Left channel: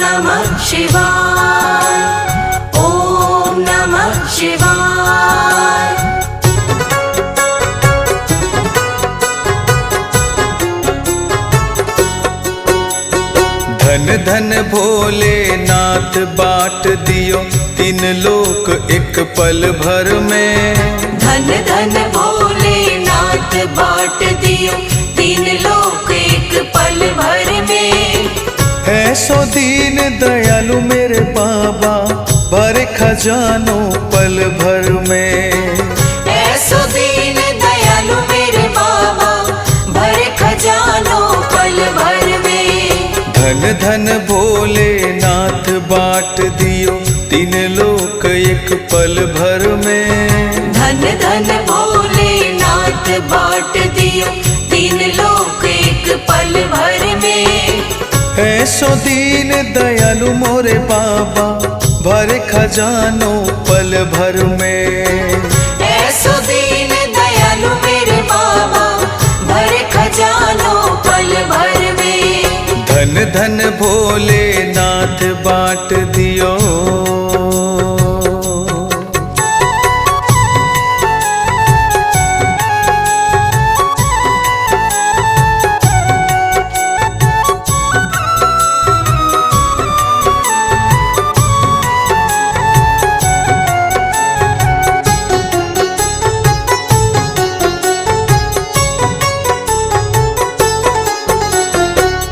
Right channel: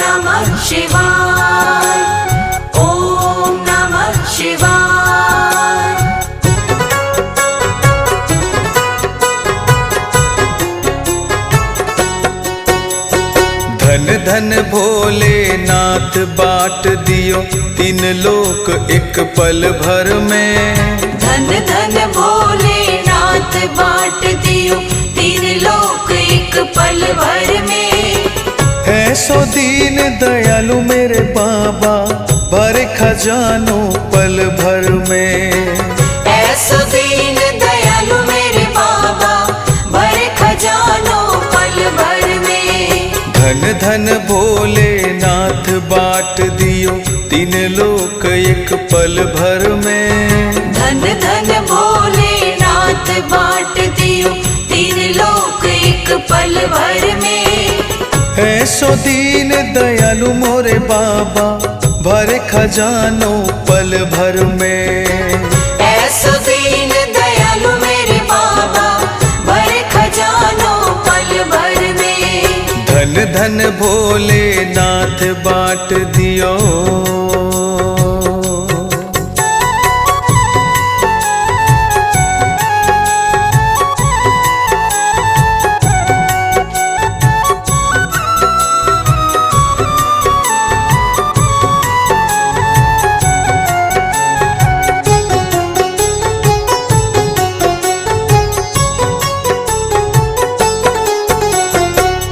नमः शिवाय, ओम नमः शिवाय। धन धन भोलेनाथ बाट दियो तीन लोक एक पल भर में। धन धन भोलेनाथ बाट दियो तीन लोक एक पल भर में। ऐसो दीन दयालु मेरे बाबा भरे खजानो पल भर में। ऐसो दीन दयालु मेरे बाबा भरे खजानो पल भर में। धन धन भोलेनाथ बाट दियो तीन लोक एक पल भर में। धन धन भोलेनाथ बाट दियो तीन लोक एक पल भर में। ऐसो दीन दयालु मोरे बाबा भरे खजानो पल भर में। ऐसो दीन दयालु मेरे बाबा भरे खजानो पल भर में। धन धन भोलेनाथ बाट दियो।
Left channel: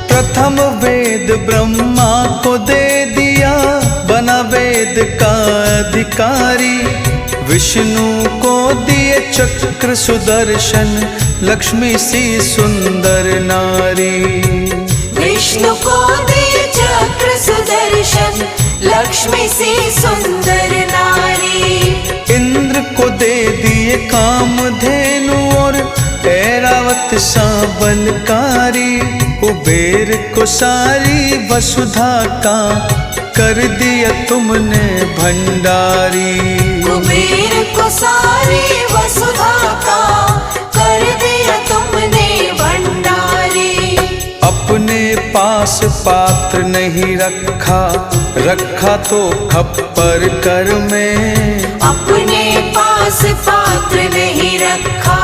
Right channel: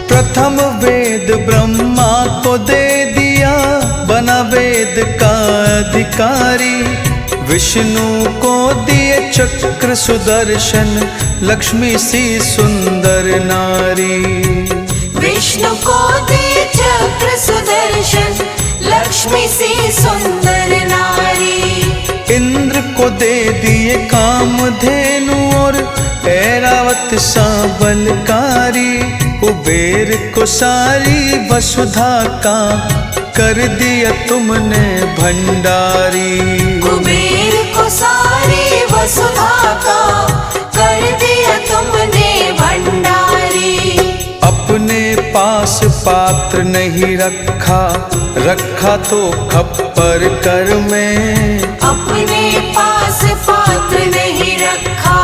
प्रथम वेद ब्रह्मा को दे दिया बना वेद का अधिकारी। विष्णु को दिए चक्र सुदर्शन लक्ष्मी सी सुंदर नारी। विष्णु को दिए चक्र सुदर्शन लक्ष्मी सी सुंदर नारी। इंद्र को दे दिए कामधेनु और ऐरावत सा बलकारी। कुबेर को सारी वसुधा का कर दिया तुमने भंडारी। कुबेर को सारी वसुधा का कर दिया तुमने भंडारी। अपने पास पात्र नहीं रखा, रखा तो खप्पर कर में। अपने पास पात्र नहीं रखा,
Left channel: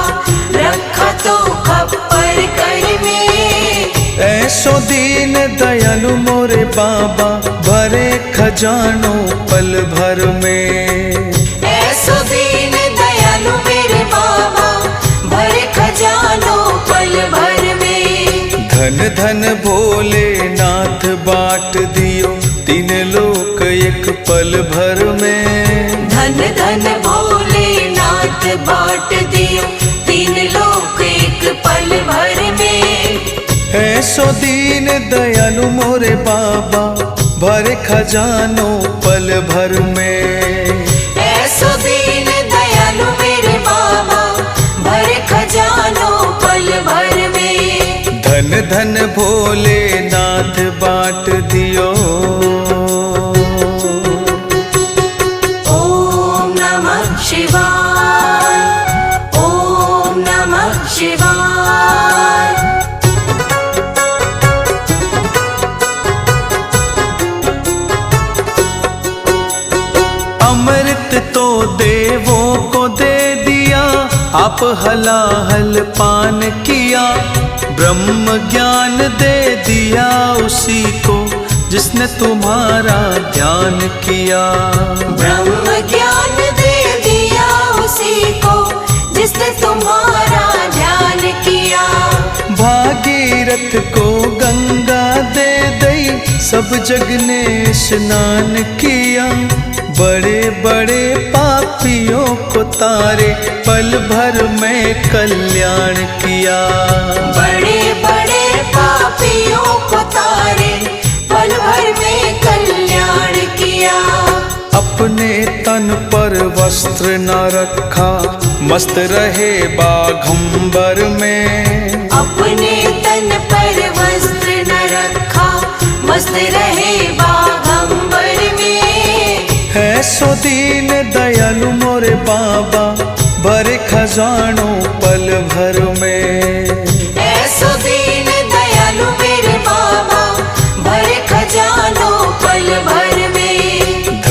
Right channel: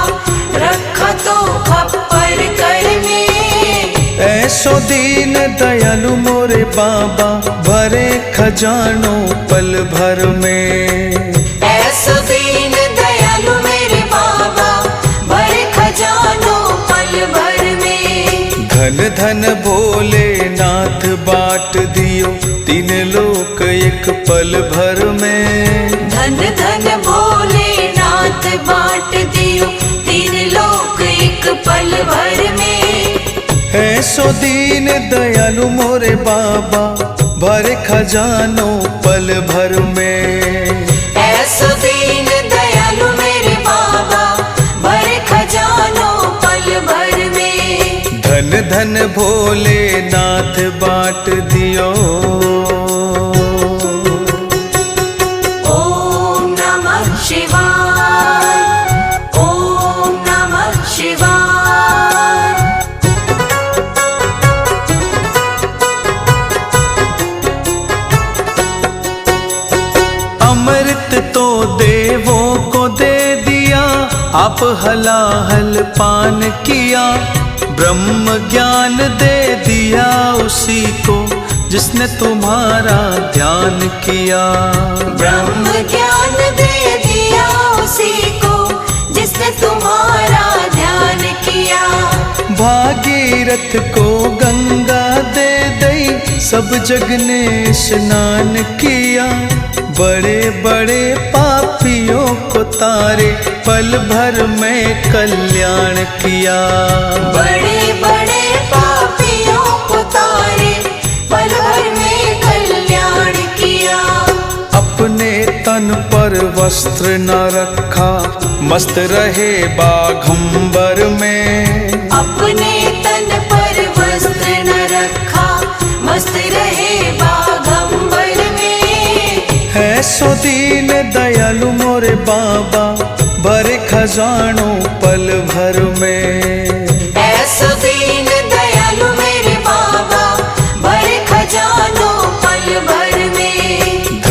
रखा तो खप्पर कर में। ऐसो दीन दयालु मोरे बाबा भरे खजानो पल भर में। ऐसो दीन दयालु मेरे बाबा भरे खजानो पल भर में। धन धन भोलेनाथ बाट दियो तीन लोक एक पल भर में। धन धन भोलेनाथ बाट दियो तीन लोक एक पल भर में। ऐसो दीन दयालु मोरे बाबा भरे खजानो पल भर में। ऐसो दीन दयालु मेरे बाबा भरे खजानो पल भर में। धन धन भोलेनाथ बाट दियो। ओम नमः शिवाय, ओम नमः शिवाय। अमृत तो देवों को दे दिया आप हलाहल पान किया। ब्रह्म ज्ञान दे दिया उसी को जिसने तुम्हारा ध्यान किया। ब्रह्म ज्ञान दे दिया उसी को जिसने तुम्हारा ध्यान किया। भागीरथ को गंगा दे दई सब जग ने स्नान किया। बड़े बड़े पापियों को तारे पल भर में कल्याण किया। बड़े बड़े पापियों को तारे पल भर में कल्याण किया। अपने तन पर वस्त्र न रखा मस्त रहे बाघंबर में। अपने तन पर वस्त्र न रखा मस्त रहे बाघंबर में। ऐसो दीन दयालु मोरे बाबा भरे खजानो पल भर में। ऐसो दीन दयालु मेरे बाबा भरे खजानो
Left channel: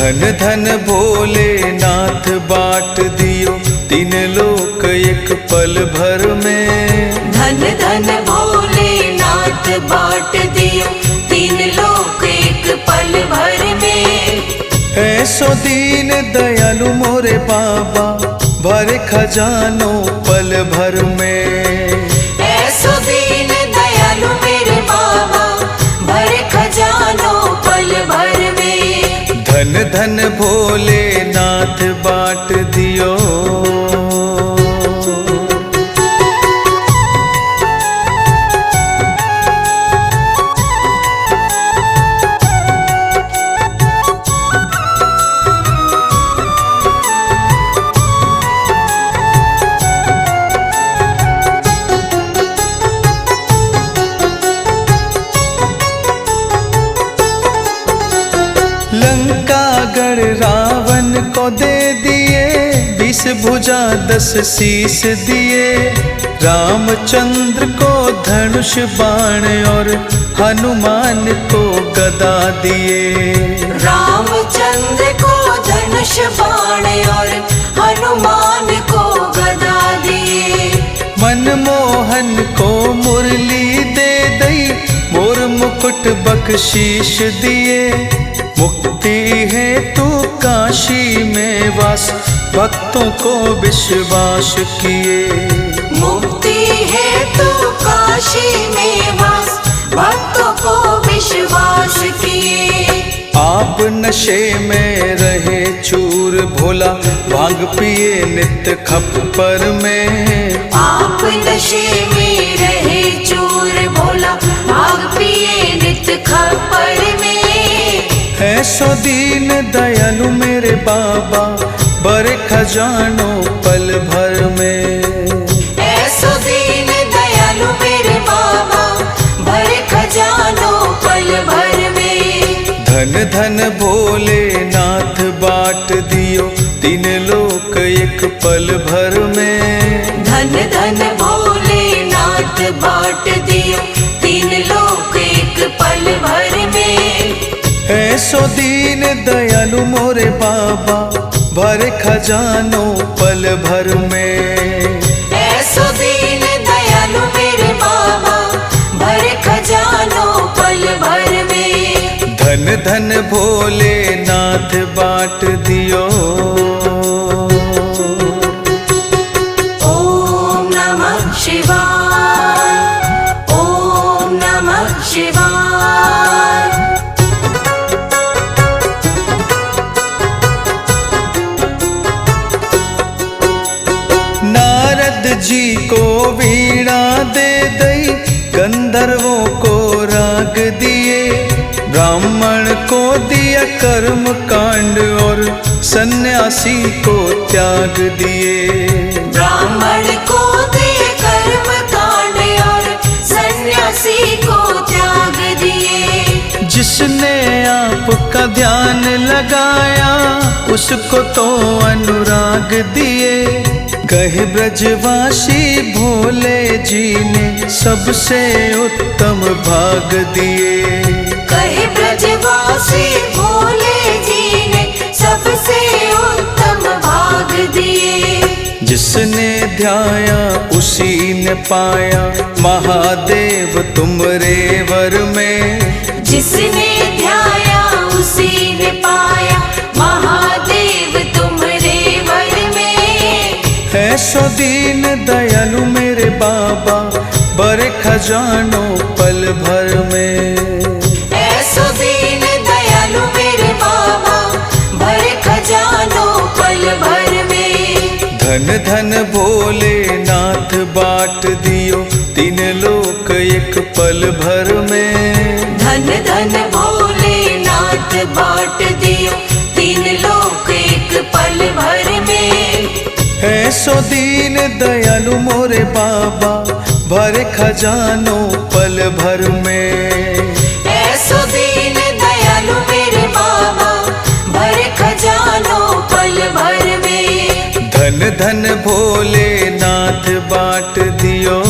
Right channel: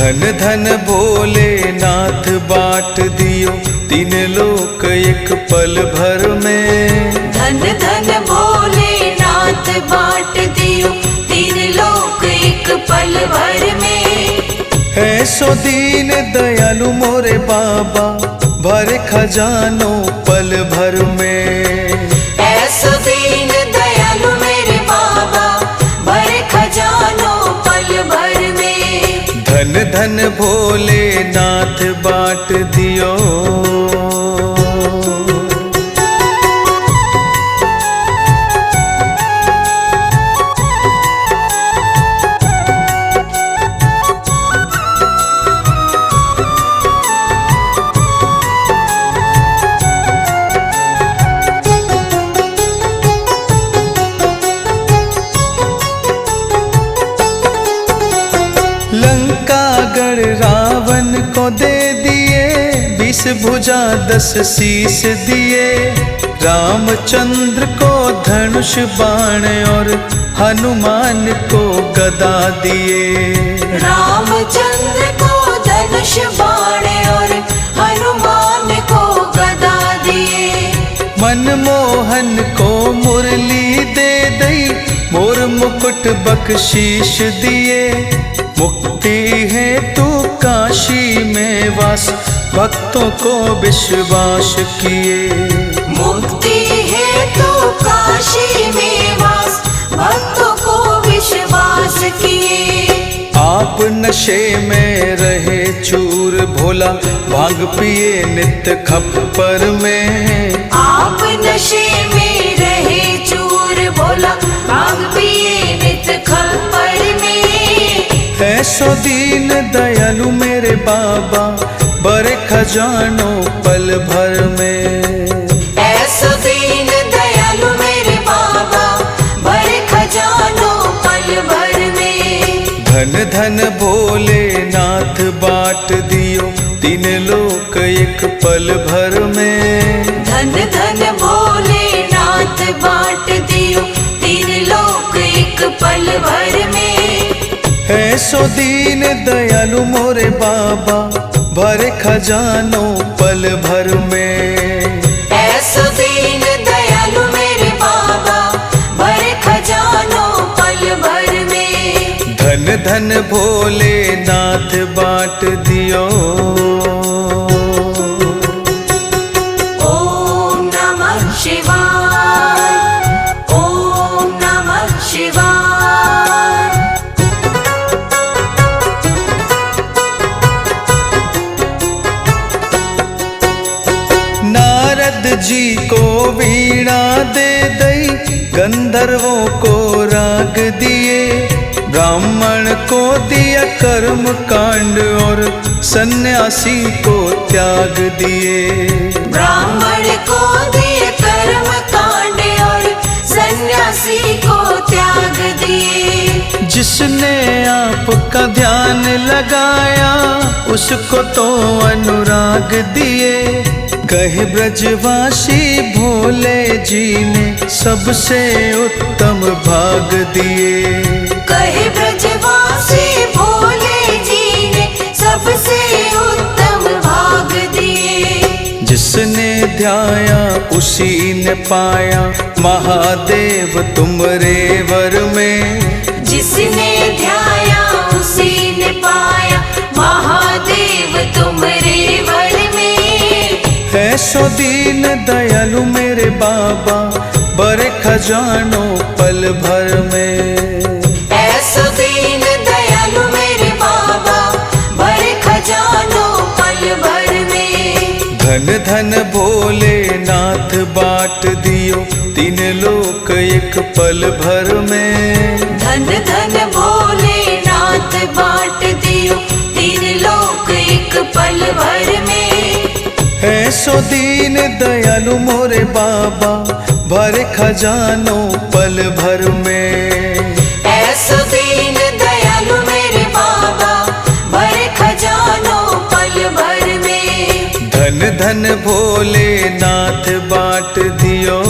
धन धन भोलेनाथ बाँट दियो तीन लोक एक पल भर में। धन धन भोलेनाथ बाँट दियो तीन लोक एक पल भर में। ऐसो दीन दयालु मोरे बाबा भरे खजानो पल भर में। ऐसो दीन दयालु मेरे बाबा भरे खजानो पल भर में। धन धन भोलेनाथ बाँट दियो। लंकागढ़ रावण को दे दिए 20 भुजा 10 शीश दिए। रामचंद्र को धनुष बाण और हनुमान को गदा दिए। रामचंद्र को धनुष बाण और हनुमान को गदा दिए। मनमोहन को मुरली दे दई मोर मुकुट बख्शीश दिए। मुक्ति है तू काशी में वास भक्तों को विश्वास किए। मुक्ति है तू काशी में वास भक्तों को विश्वास किए। आप नशे में रहे चूर भोला भांग पिए नित्य खप्पर में। आप नशे में रहे चूर भोला भांग पिए नित्य खप्पर में। ऐसो दीन दयालु मेरे बाबा बड़े खजानो पल भर में। ऐसो दीन दयालु मेरे बाबा बड़े खजानो पल भर में। धन धन भोलेनाथ बाँट दियो तीन लोक एक पल भर में। धन धन भोलेनाथ बाँट दियो तीन लोक एक पल भर में। ऐसो दीन दयालु मोरे बाबा भरे खजानो पल भर में। ऐसो दीन दयालु मेरे बाबा भरे खजानो पल भर में। धन धन भोलेनाथ बाँट दियो। ओम नमः शिवाय। ओम नमः शिवाय। नारद जी को वीणा दे दई गंधर्वों को राग दिए। ब्राह्मण को दिया कर्म कांड और सन्यासी को त्याग दिए। ब्राह्मण को दिए कर्म कांड और सन्यासी को त्याग दिए। जिसने आपका ध्यान लगाया उसको तो अनुराग दिए। कहे ब्रजवासी भोले जी ने सबसे उत्तम भाग दिए। कहे ब्रजवासी भोले जी ने सबसे उत्तम भाग दिए। जिसने ध्याया उसी ने पाया महादेव तुमरे वर में। जिसने ध्याया उसी ने पाया महादेव तुमरे वर में। ऐसो दीन दयालु मेरे बाबा बड़े खजानो पल भर में। ऐसो दीन दयालु मेरे बाबा बड़े खजानो पल भर में। धन धन भोलेनाथ बाँट दियो तीन लोक एक पल भर में। धन धन भोलेनाथ बाँट दियो तीन लोक एक पल भर में। ऐसो दीन दयालु मोरे बाबा भरे खजानो पल भर में। ऐसो दीन दयालु मेरे बाबा भरे खजानो पल भर में। धन धन भोलेनाथ बाँट दियो।